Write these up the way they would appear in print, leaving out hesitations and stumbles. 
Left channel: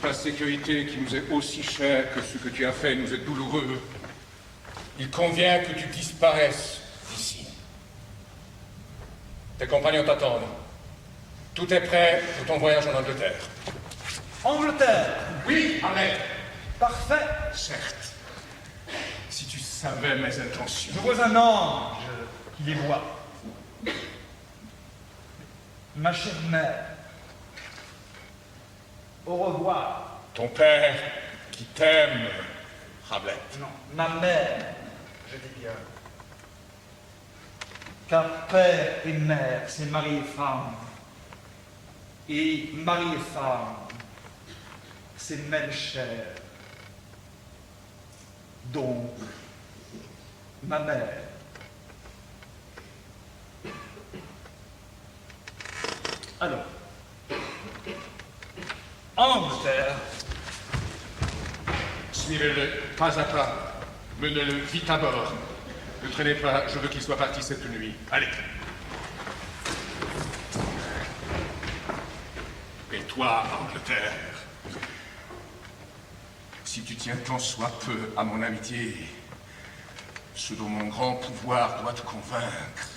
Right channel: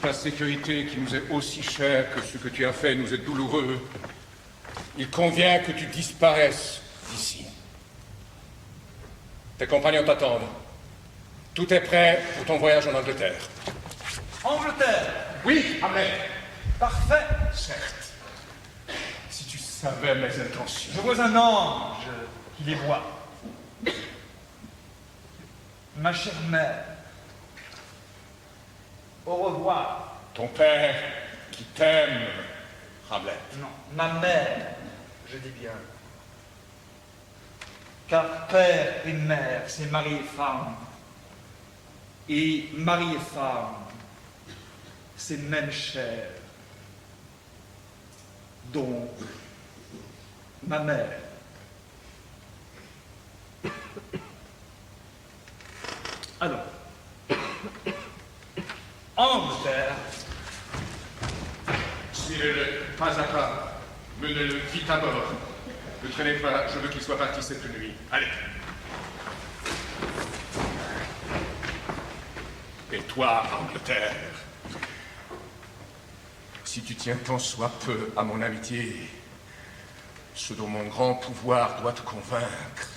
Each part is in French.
ta sécurité qui nous est aussi chère que ce que tu as fait nous est douloureux, il convient que tu disparaisses d'ici. Tes compagnons t'attendent. Tout est prêt pour ton voyage en Angleterre. Angleterre? Oui, Hamlet. Parfait. Certes. Si tu savais mes intentions. Je vois un ange qui les voit. Ma chère mère, au revoir. Ton père qui t'aime, Hamlet. Non, ma mère, je dis bien. Car père et mère, c'est mari et femme. Et mari et femme, c'est même chair. Donc, ma mère. Alors, en Angleterre, suivez-le pas à pas. Menez-le vite à bord. Ne traînez pas, je veux qu'il soit parti cette nuit. Allez. Et toi, Angleterre, si tu tiens tant soit peu à mon amitié, ce dont mon grand pouvoir doit te convaincre,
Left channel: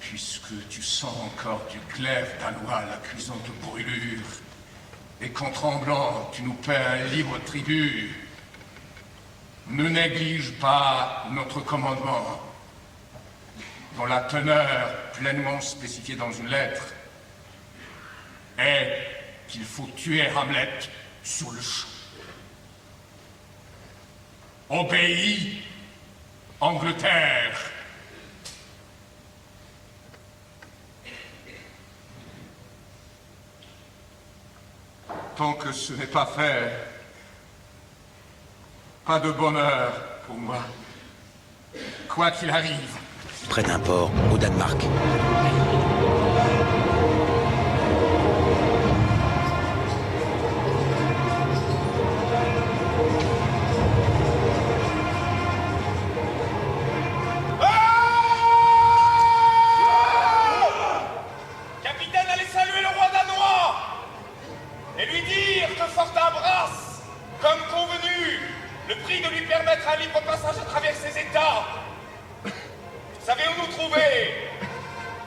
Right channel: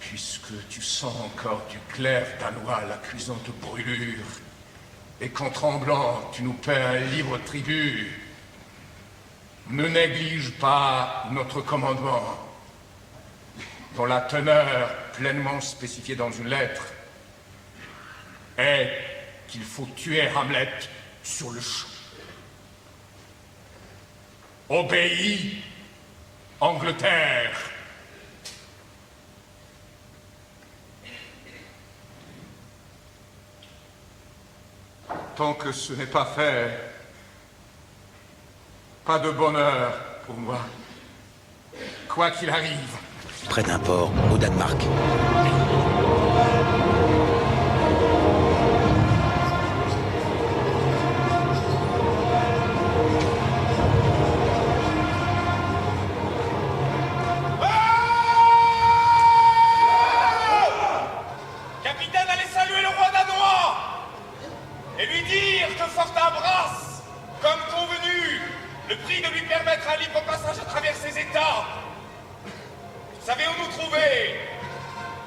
puisque tu sens encore du glaive danois la cuisante brûlure, et qu'en tremblant tu nous paies un libre tribut, ne néglige pas notre commandement, dont la teneur, pleinement spécifiée dans une lettre, est qu'il faut tuer Hamlet sur le champ. Obéis, Angleterre. Tant que ce n'est pas fait, pas de bonheur pour moi, quoi qu'il arrive. Près d'un port, au Danemark. Capitaine, allez saluer le roi danois et lui dire que Fortinbras, comme convenu, le prie de lui permettre un libre passage à travers ses États. Savez-vous nous trouver?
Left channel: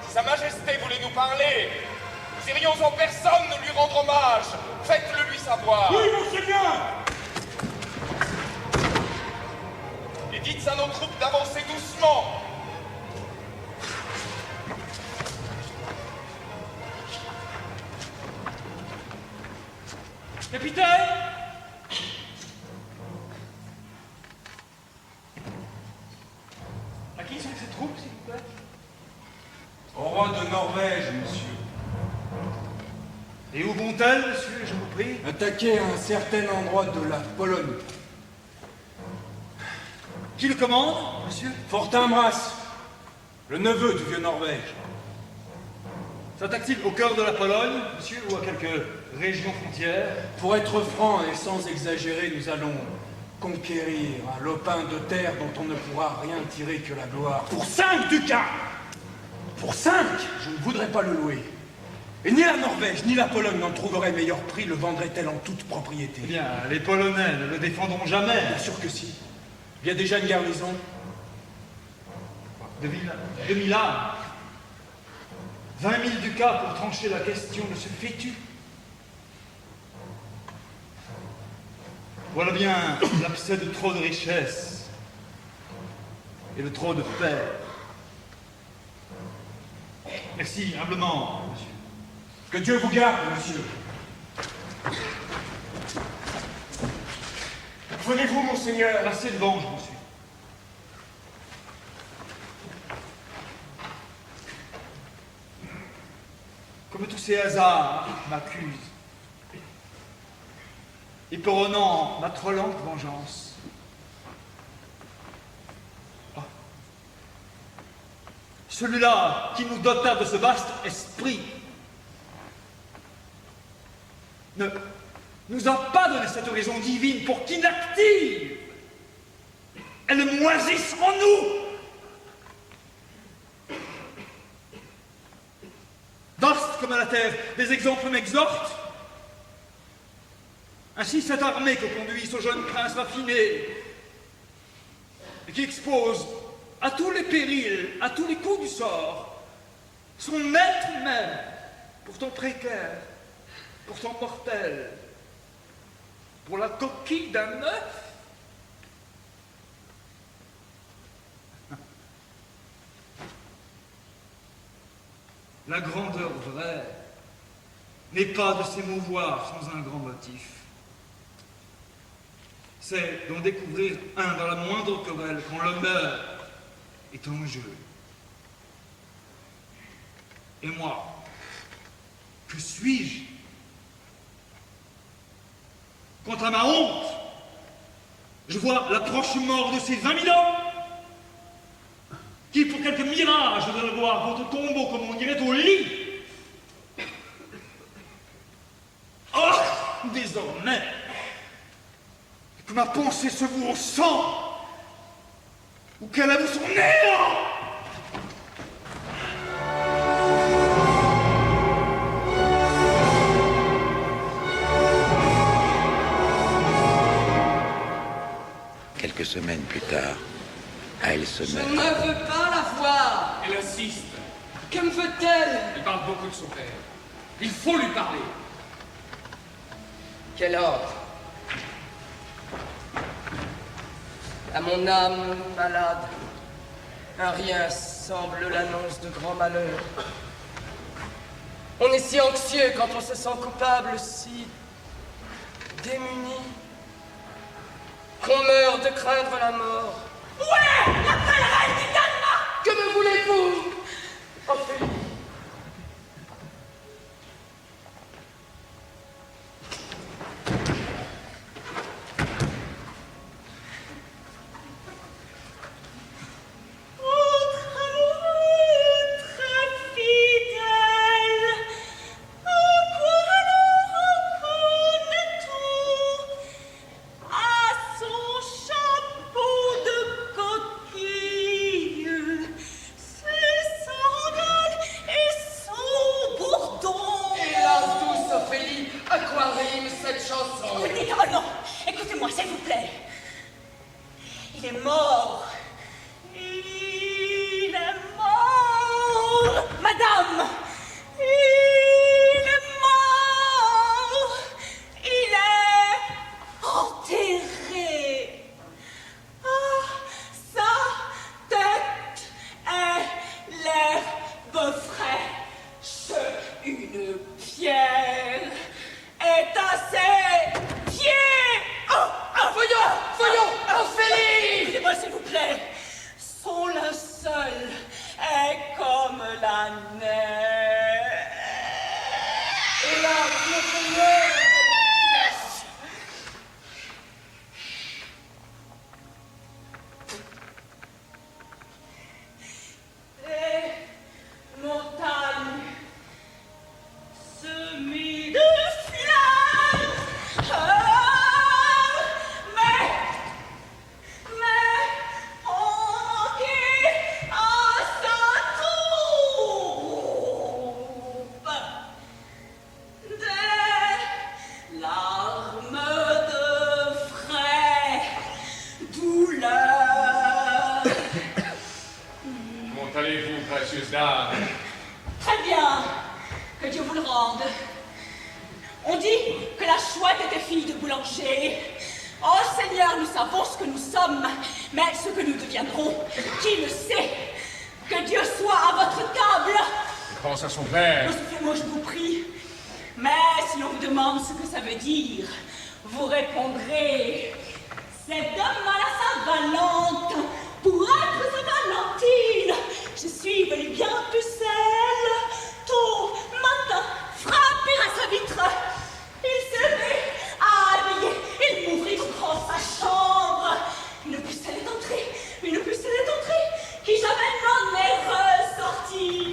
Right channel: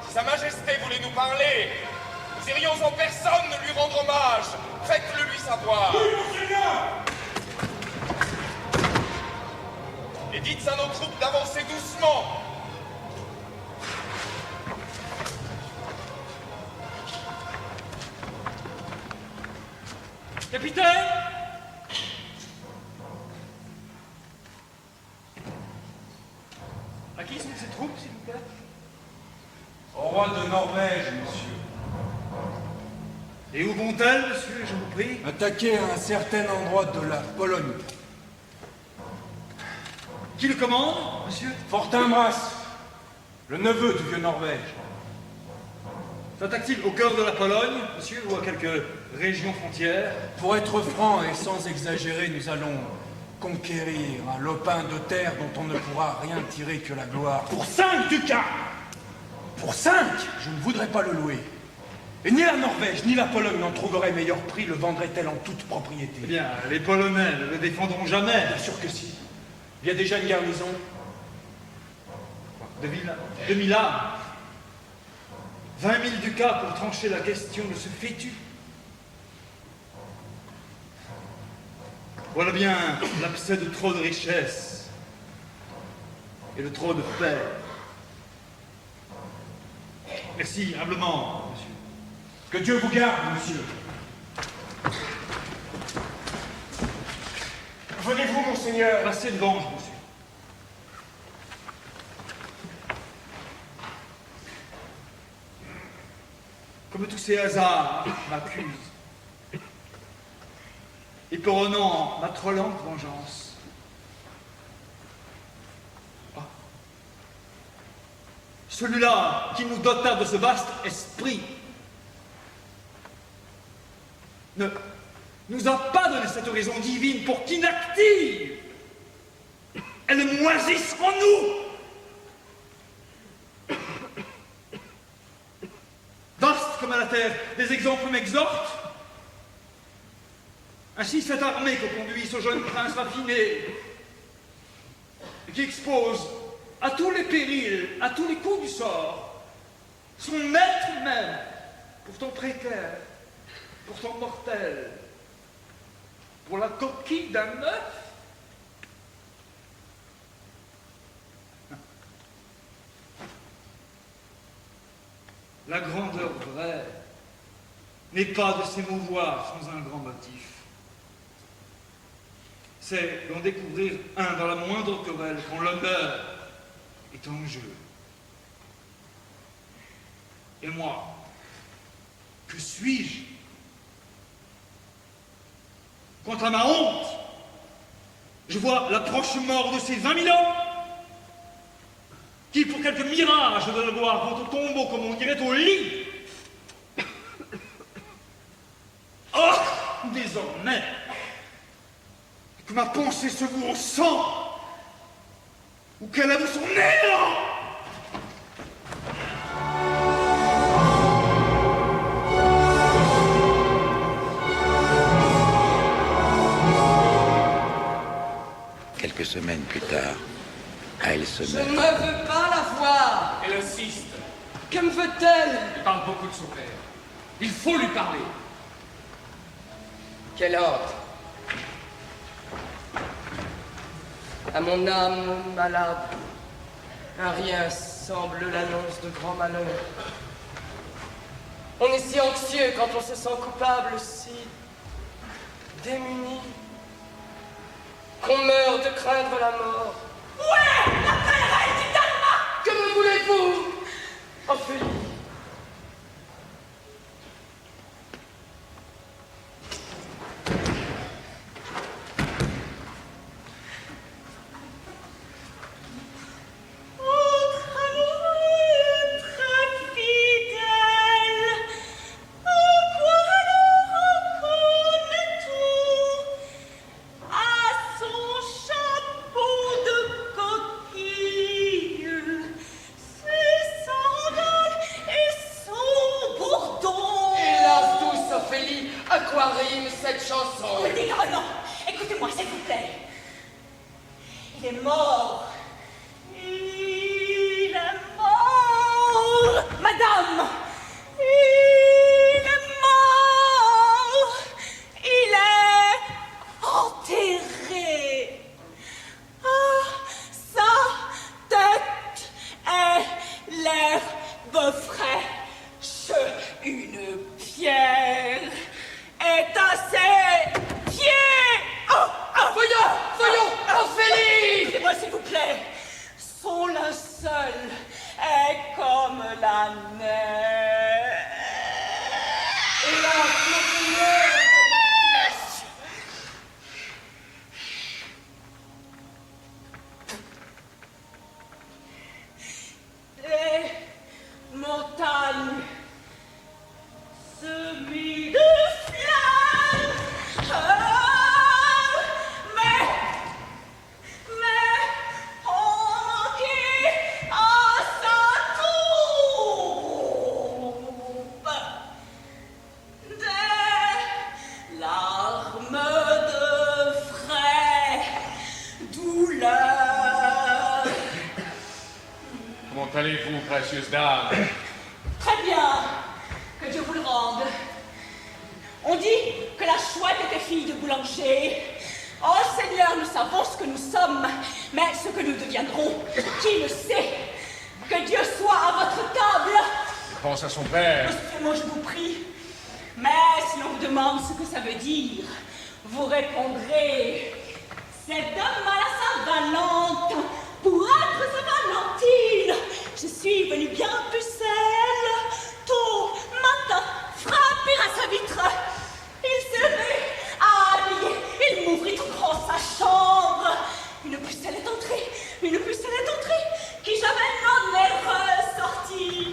Si Sa Majesté voulait nous parler, nous irions en personne de lui rendre hommage. Faites-le lui savoir. Oui, monseigneur! Et dites à nos troupes d'avancer doucement. Capitaine! À qui sont ces troupes, s'il vous plaît? Au roi de Norvège, monsieur. Et où vont-elles, monsieur, je vous prie? Attaquer un certain endroit de la Pologne. Qui le commande, monsieur? Fortinbras, le neveu du vieux Norvège. S'attaque-t-il au cœur de la Pologne, monsieur, ou à quelques régions frontières? Pour être franc et sans exagérer, nous allons conquérir un lopin de terre dont on ne pourra rien tirer que la gloire. Pour 5 ducats! Pour 5, je ne voudrais pas le louer. Et ni la Norvège, ni la Pologne n'en trouveraient meilleur prix, le vendraient-elles en toute propriété. Eh bien, les Polonais ne le défendront jamais. Bien sûr que si. Il y a déjà une garnison. 2000 âmes. 20 000 ducats pour trancher la question de ce fétu. Voilà bien l'abcès de trop de richesse et de trop de paix. Merci, humblement, monsieur. Que Dieu vous garde, monsieur. Venez-vous, monseigneur? Passez devant, monsieur. Comme tous ces hasards m'accusent. Éperonnant ma trollante vengeance. Ah. Celui-là qui nous dota de ce vaste esprit ne nous a pas donné cette horizon divine pour qu'inactive elle moisisse en nous. Vaste comme à la terre, des exemples m'exhortent. Ainsi cette armée que conduit ce jeune prince raffiné, et qui expose à tous les périls, à tous les coups du sort, son maître même, pourtant précaire, pourtant mortel, pour la coquille d'un œuf. La grandeur vraie n'est pas de s'émouvoir sans un grand motif. C'est d'en découvrir un dans la moindre querelle quand l'honneur est en jeu. Et moi, que suis-je? Quant à ma honte, je vois la proche mort de ces 20 000 hommes qui, pour quelque mirage de la gloire, vont au tombeau, comme on dirait, au lit. Oh, désormais, que ma pensée se voue au sang, ou qu'elle avoue son néant. Quelques semaines plus tard, elle se Je meurt. ne veux pas la voir. Elle insiste. Que me veut-elle? Elle parle beaucoup de son père. Il faut lui parler. Quel ordre? À mon âme malade, un rien semble l'annonce de grand malheur. On est si anxieux quand on se sent coupable, si démuni, qu'on meurt de craindre la mort. Ouais, la belle reine du Danemark! Que me voulez-vous, Ophélie?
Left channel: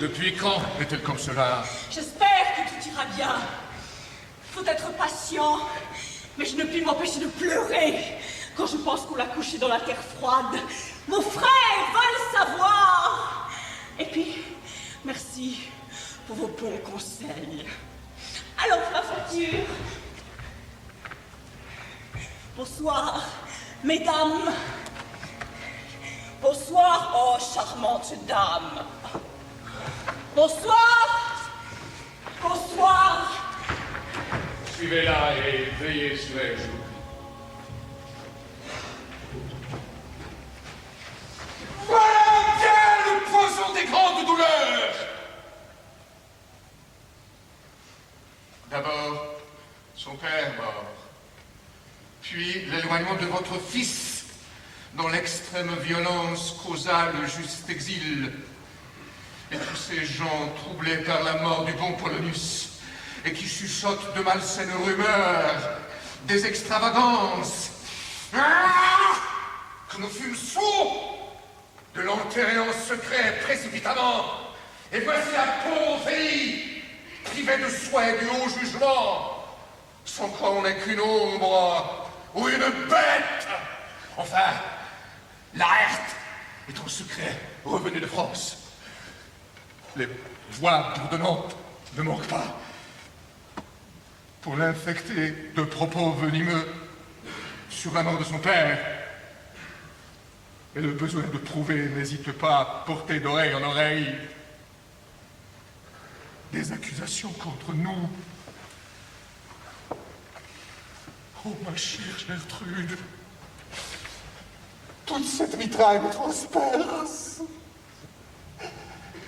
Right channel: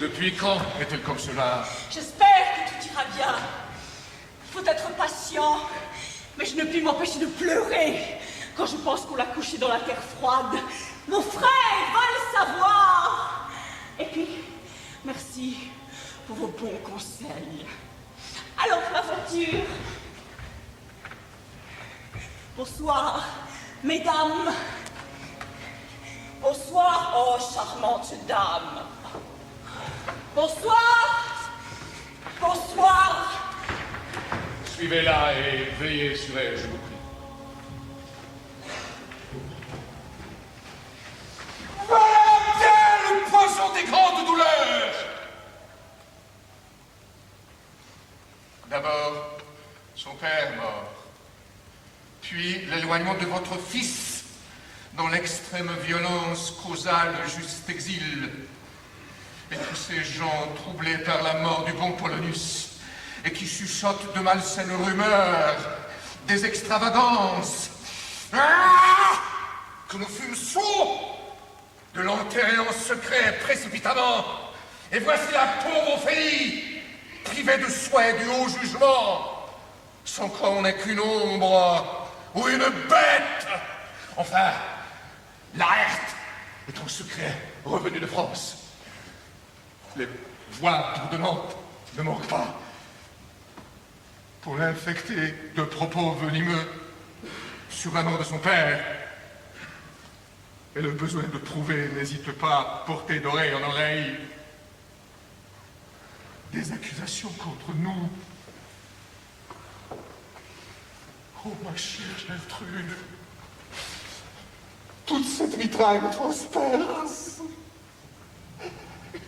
Depuis quand est-elle comme cela? J'espère que tout ira bien. Faut être patient. Mais je ne puis m'empêcher de pleurer quand je pense qu'on l'a couché dans la terre froide. Mon frère va le savoir. Et puis, merci pour vos bons conseils. Alors, ma voiture. Bonsoir, mesdames. Bonsoir, oh charmante dame. Bonsoir. Bonsoir. Suivez-la et veillez sur elle, je vous prie. Voilà bien le poison des grandes douleurs. D'abord, son père mort. Puis l'éloignement de votre fils, dont l'extrême violence causa le juste exil. Et tous ces gens troublés par la mort du bon Polonius, et qui chuchotent de malsaines rumeurs, des extravagances. Ah, que nous fûmes sots de l'enterrer en secret précipitamment. Et voici la pauvre Ophélie, privée de souhait du haut jugement, sans quoi on n'est qu'une ombre ou une bête. Enfin, Laërte est en secret revenu de France. Les voix bourdonnantes ne manquent pas pour l'infecter de propos venimeux sur la mort de son père. Et le besoin de trouver n'hésite pas à porter d'oreille en oreille des accusations contre nous. Oh, ma chère Gertrude, toute cette mitraille me transperce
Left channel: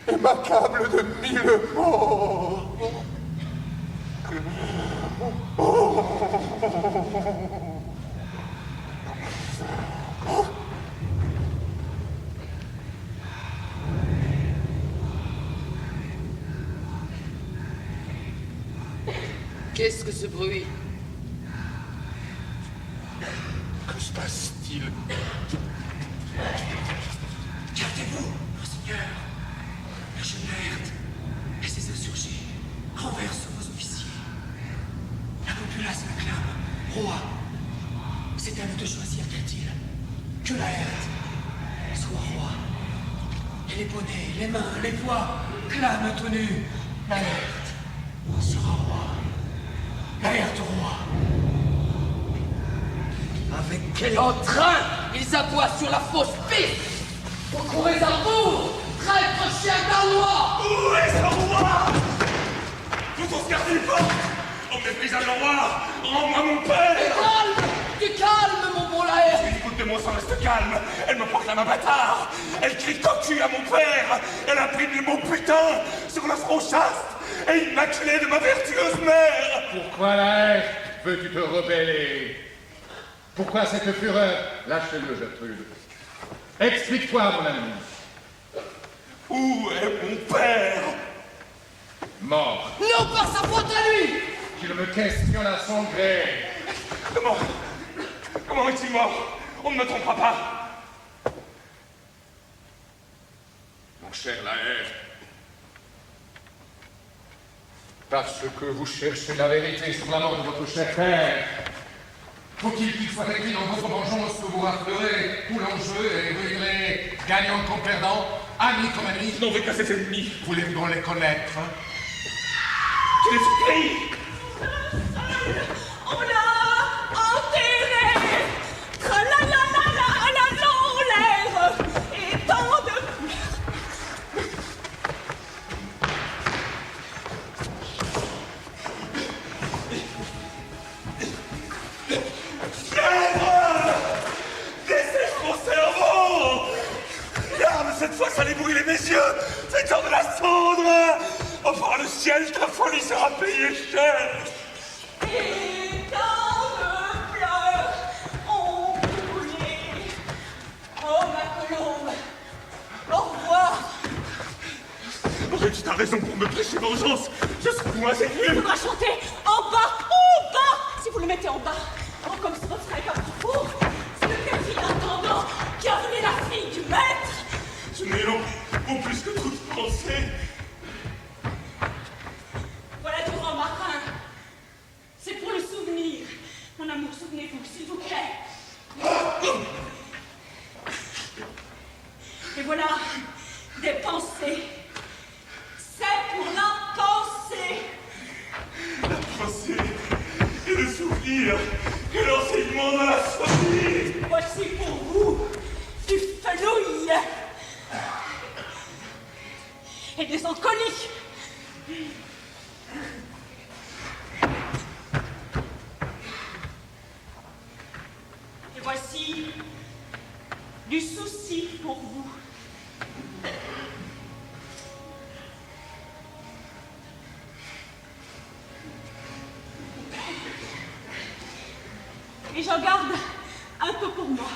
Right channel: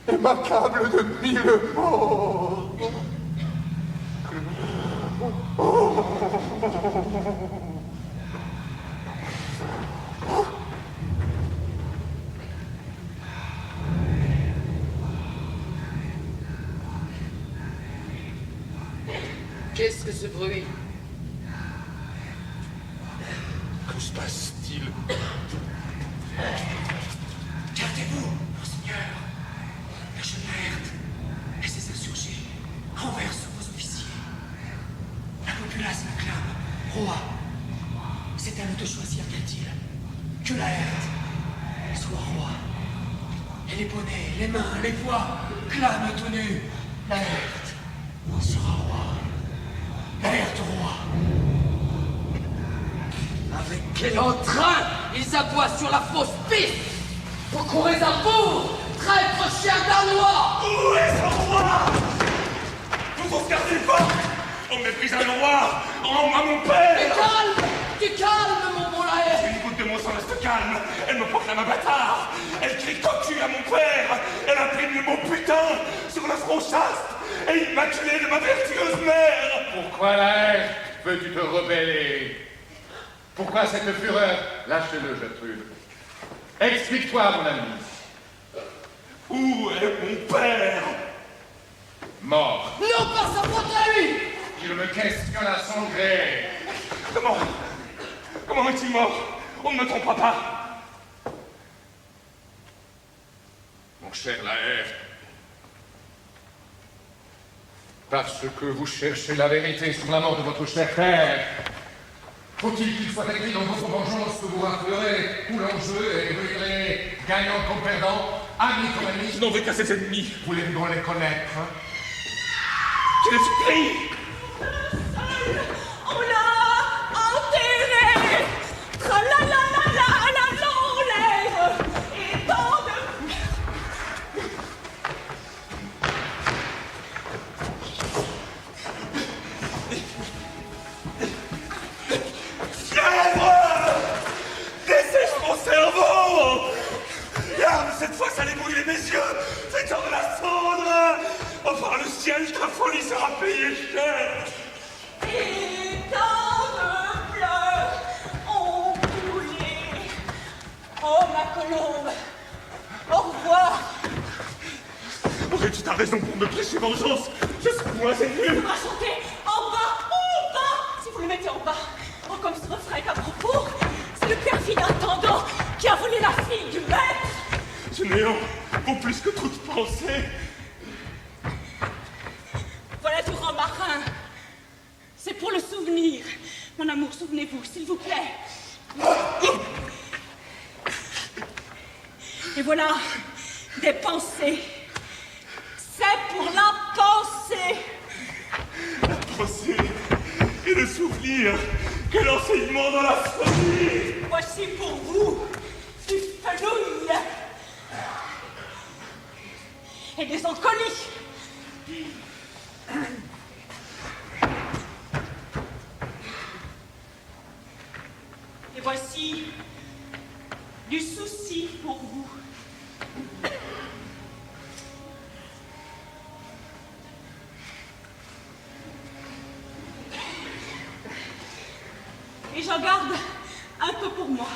et m'accable de 1000 morts. Qu'est-ce que ce bruit? Que se passe-t-il? Gardez-vous, monseigneur. La jeune Laërte et ses insurgés renversent vos officiers. La populace m'acclame roi. C'est à nous de choisir, dit-il. Que Laërte soit roi. Et les bonnets, les mains, les voix clament tout nu. Laërte sera roi. Laërte roi. Avec quel entrain ils aboient sur la fausse piste! Vous courez à bout, traître chien danois! Où est ce roi? Vous sauvegardez les portes! On méprise un roi! Rends-moi mon père! Tu calmes, mon bon Laërte! Une goutte de mon sang reste calme! Elle me proclame un bâtard! Elle crie cocu à mon père! Elle imprime le mot putain sur le front chaste et immaculé de ma vertueuse mère! Pourquoi, Laërte, veux-tu te rebeller? Pourquoi cette fureur? Lâche-le, Gertrude. Explique-toi, mon ami. Où est mon père? Mort. Non, par sa faute à lui! Il me questionne à son gré. Comment est-il mort? On ne me trompera pas. Mon cher Laërte, parce que vous cherchez la vérité sur la mort de votre cher père, faut-il qu'il soit écrit dans votre vengeance que vous raflerez où l'enjeu est brûlé, gagnant comme perdant, ami comme ami? Je n'en veux qu'à cet ennemi. Voulez-vous donc les connaître? Je les supplie. On l'a enterré. Tralalala, dans l'air. Et tant de... Fièvre! Dessèche mon cerveau! Regarde, cette fois, ça allait brûler mes yeux! Fais-en de la cendre! Oh, par le ciel, ta folie sera payée cher! Et tant de pleurs ont coulé. Oh, ma colombe. Au revoir. Aurais-tu ta raison pour me prêcher vengeance? Je suis moins Il ému! faudra chanter en bas. Si vous le mettez en bas, oh, comme ce refrain est à propos, c'est le perfide intendant qui a volé la fille du maître. Ce néant vaut plus que toute pensée! Voilà du rang marin. C'est pour le souvenir. Mon amour, souvenez-vous, s'il vous plaît. Et voilà, des pensées. C'est pour la pensée. La pensée et le souvenir que l'on finement de la folie. Voici pour vous du fenouil et des encoliques. Et voici du souci pour vous. Et j'en garde un peu pour moi.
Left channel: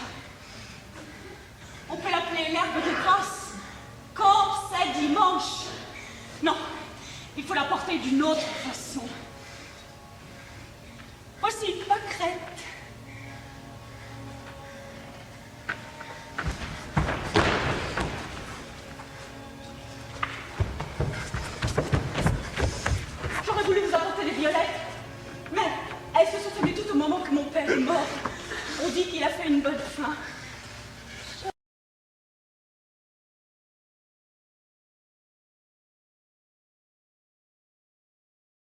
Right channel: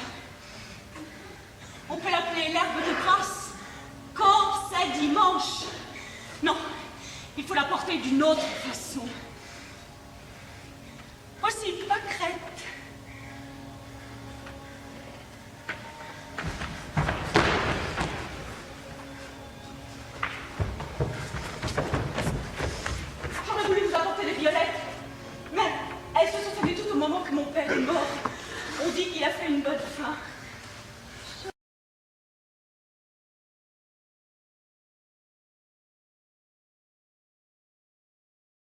On peut l'appeler l'herbe de grâce quand c'est dimanche. Non, il faut la porter d'une autre façon. Voici une pâquerette. J'aurais voulu vous apporter des violettes, mais elles se sont faites tout au moment que mon père est mort. On dit qu'il a fait une bonne fin.